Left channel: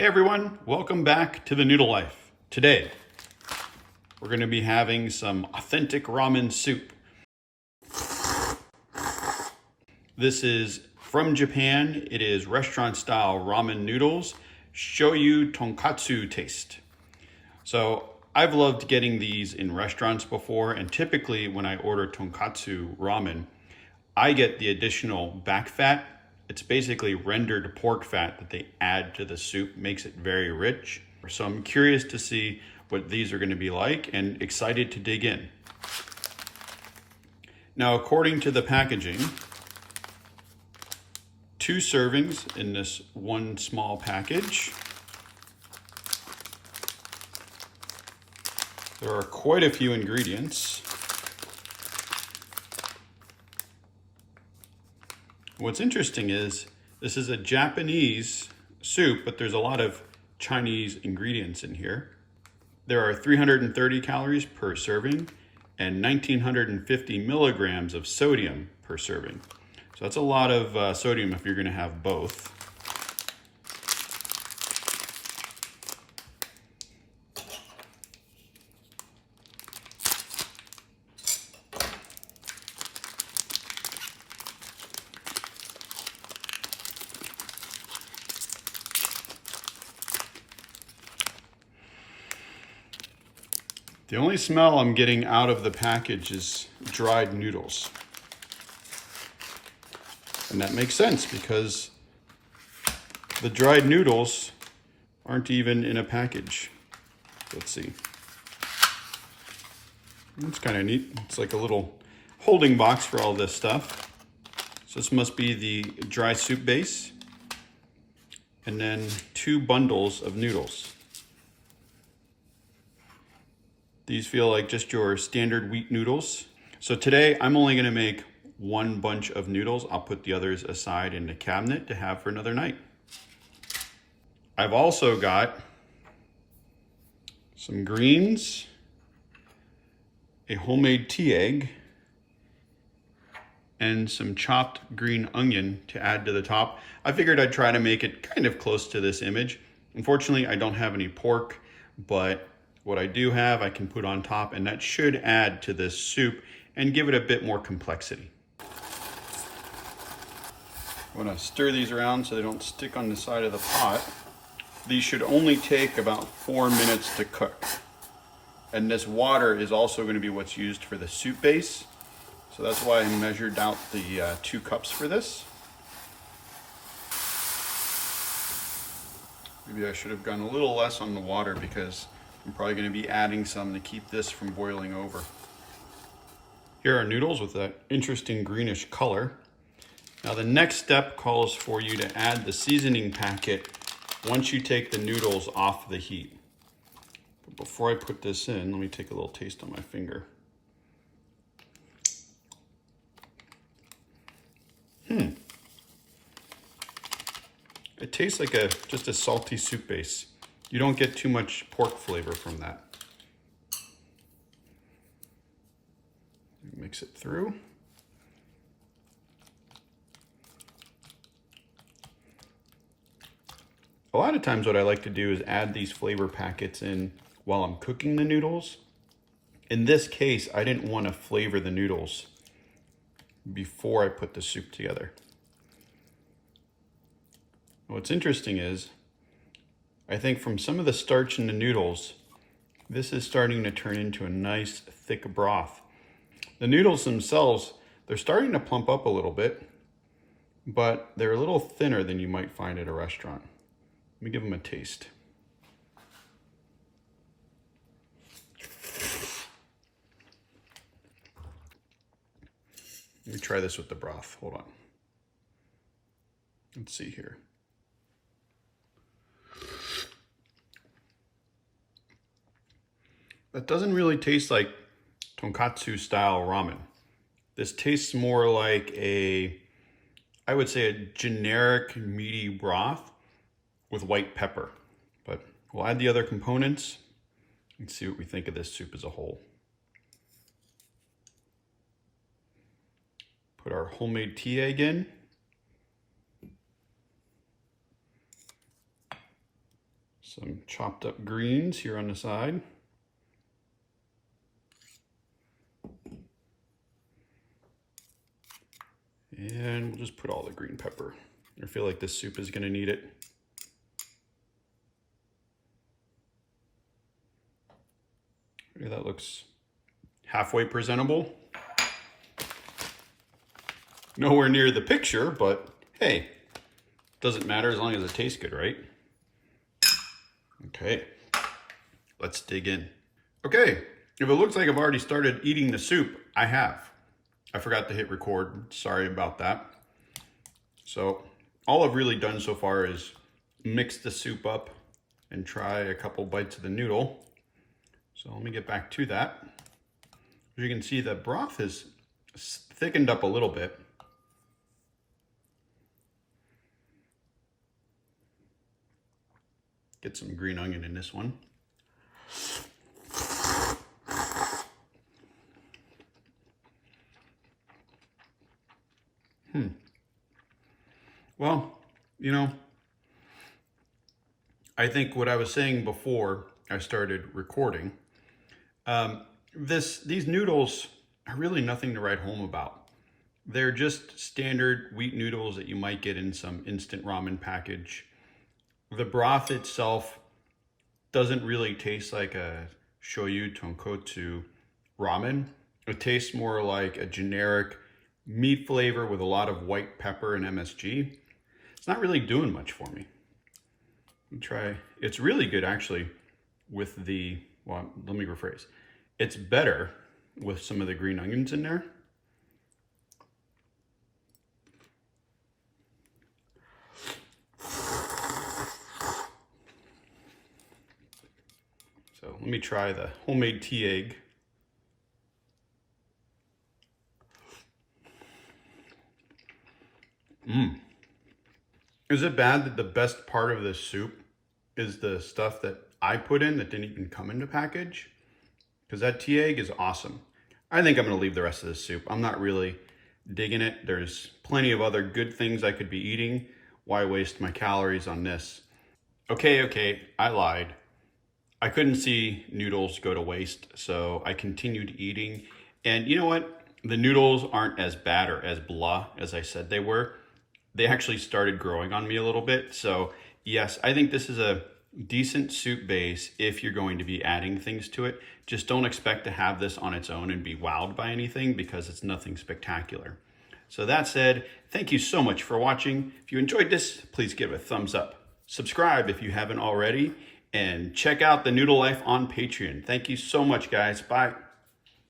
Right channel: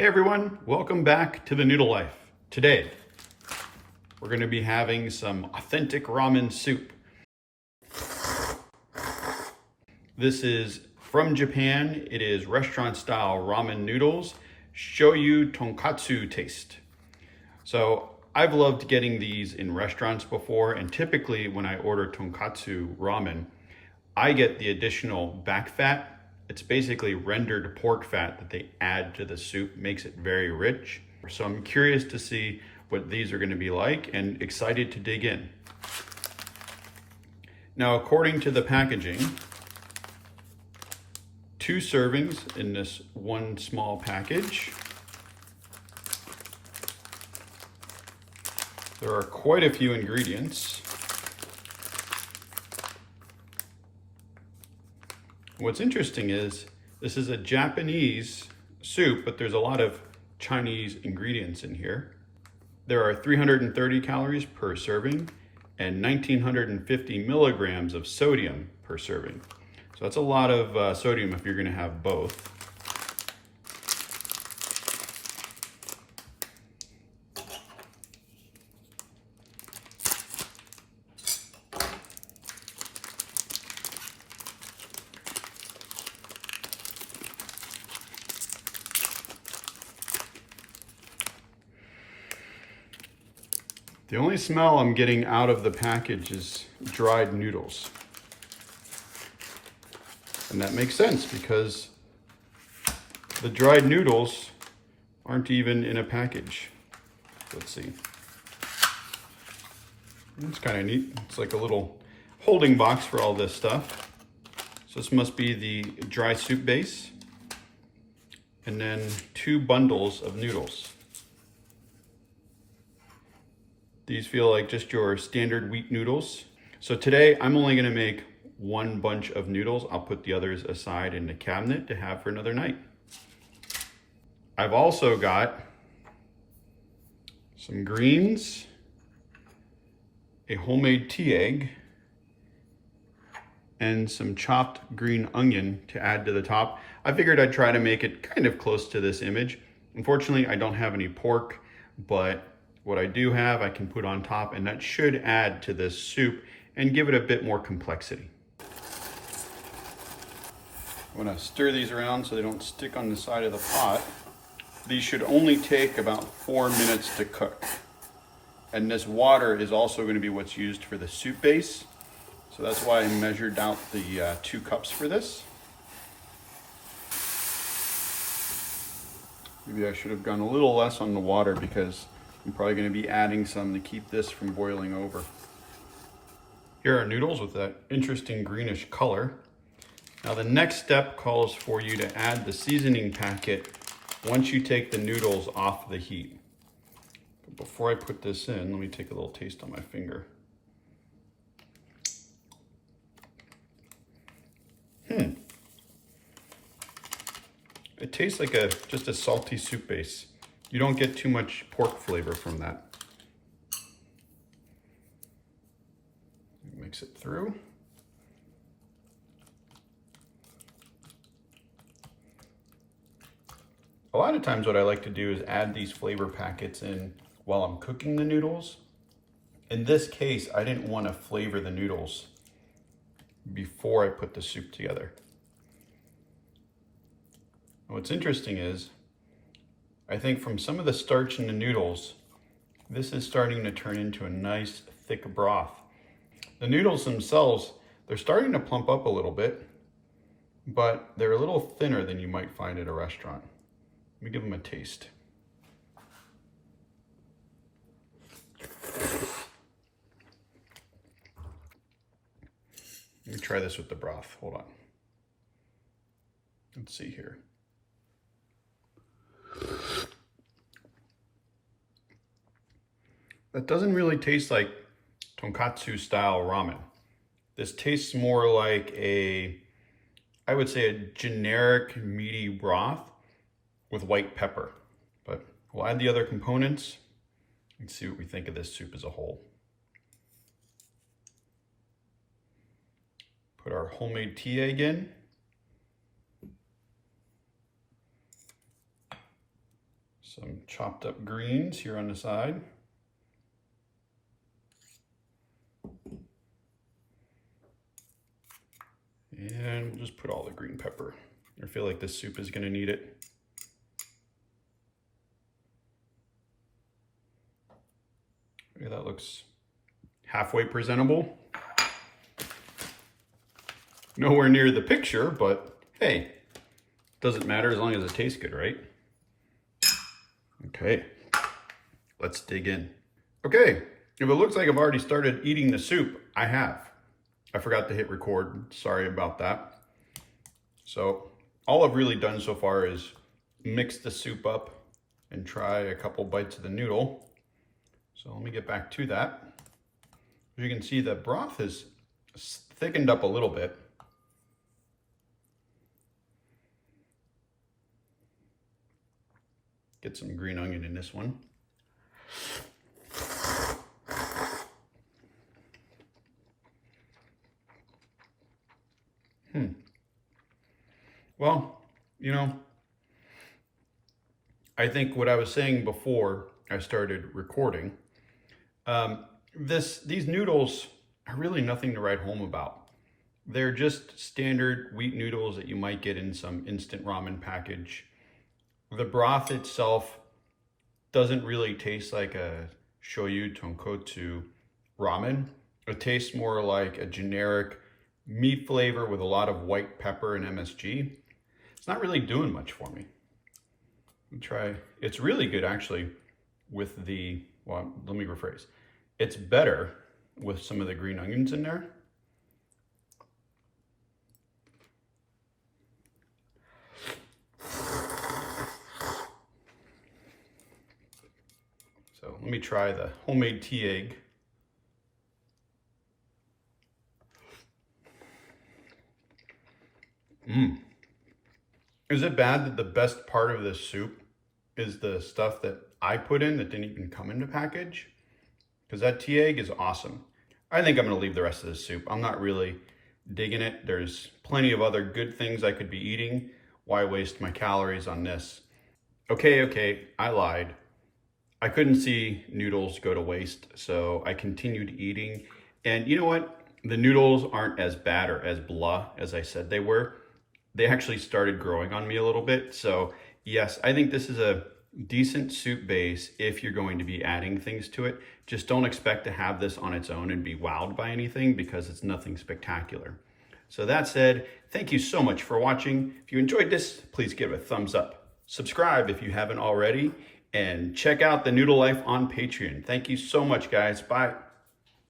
Hey everyone, welcome back to the Noodle Life. Today, we're going to be having some authentic ramen soup. This is from Japan. It is restaurant style ramen noodles, Shoyu Tonkotsu taste. So I've loved getting these in restaurants before, and typically when I order Tonkotsu ramen, I get the additional back fat. It's basically rendered pork fat that they add to the soup, makes it very rich. So I'm curious to see what these are going to be like and excited to dig in. Now, according to the packaging, 2 servings in this one small package. There are quite a few ingredients. What's interesting is this is a Japanese soup, but there's a lot of Chinese ingredients in here. There are 330 calories per serving and 1950 milligrams of sodium per serving. So that's a lot of sodium if you're going to have both. The only smell I'm getting out of the package is dried noodles. And that makes sense because the dried noodles aren't even in a package. Let's see. That's kind of neat. It's like a little holding box for all this stuff. So this must be the dry soup base. And then 2 bundles of noodles. These feel like just your standard wheat noodles. So today I'm only gonna make 1 bunch of noodles. I'll put the others aside in the cabinet to have for another night. I've also got some greens, a homemade tea egg, and some chopped green onion to add to the top. I figured I'd try to make it kind of close to this image. Unfortunately, I don't have any pork, but what I do have, I can put on top, and that should add to this soup and give it a bit more complexity. I'm gonna stir these around so they don't stick on the side of the pot. These should only take about 4 minutes to cook. And this water is also gonna be what's used for the soup base. So that's why I measured out the 2 cups for this. Maybe I should have gone a little less on the water because I'm probably going to be adding some to keep this from boiling over. Here are noodles with that interesting greenish color. Now the next step calls for you to add the seasoning packet once you take the noodles off the heat. But before I put this in, let me take a little taste on my finger. It tastes like just a salty soup base. You don't get too much pork flavor from that. Mix it through. A lot of times what I like to do is add these flavor packets in while I'm cooking the noodles. In this case, I didn't want to flavor the noodles before I put the soup together. What's interesting is, I think from some of the starch in the noodles, this is starting to turn into a nice thick broth. The noodles themselves, they're starting to plump up a little bit, but they're a little thinner than you might find at a restaurant. Let me give them a taste. Let me try this with the broth. Hold on. Let's see here. That doesn't really taste like tonkatsu style ramen. This tastes more like I would say a generic meaty broth with white pepper. But we'll add the other components and see what we think of this soup as a whole. Put our homemade tea egg in. Some chopped up greens here on the side. And we'll just put all the green pepper. I feel like this soup is gonna need it. Okay, that looks halfway presentable. Nowhere near the picture, but hey, doesn't matter as long as it tastes good, right? Okay, let's dig in. Okay, if it looks like I've already started eating the soup, I have. I forgot to hit record, sorry about that. So all I've really done so far is mix the soup up and try a couple bites of the noodle. So let me get back to that. As you can see, the broth has thickened up a little bit. Get some green onion in this one. Well, you know, I think what I was saying before I started recording, these noodles are really nothing to write home about. They're just standard wheat noodles that you might get in some instant ramen package. The broth itself doesn't really taste like a Shoyu Tonkotsu ramen. It tastes more like a generic meat flavor with a lot of white pepper and MSG. It's not really doing much for me. Let me try. It's really good actually with the, well, let me rephrase. It's better with some of the green onions in there. So let me try the homemade tea egg. Is it bad that the best part of this soup is the stuff that I put in that didn't even come in the package? Because that tea egg is awesome. I think I'm gonna leave the rest of this soup. I'm not really digging it. There's plenty of other good things I could be eating. Why waste my calories on this? Okay, I lied. I couldn't see noodles go to waste, so I continued eating. And you know what? The noodles aren't as bad or as blah as I said they were. They actually started growing on me a little bit. So yes, I think this is a decent soup base if you're going to be adding things to it. Just don't expect to have this on its own and be wowed by anything because it's nothing spectacular. So that said, thank you so much for watching. If you enjoyed this, please give it a thumbs up. Subscribe if you haven't already, and check out the Noodle Life on Patreon. Thank you so much, guys. Bye.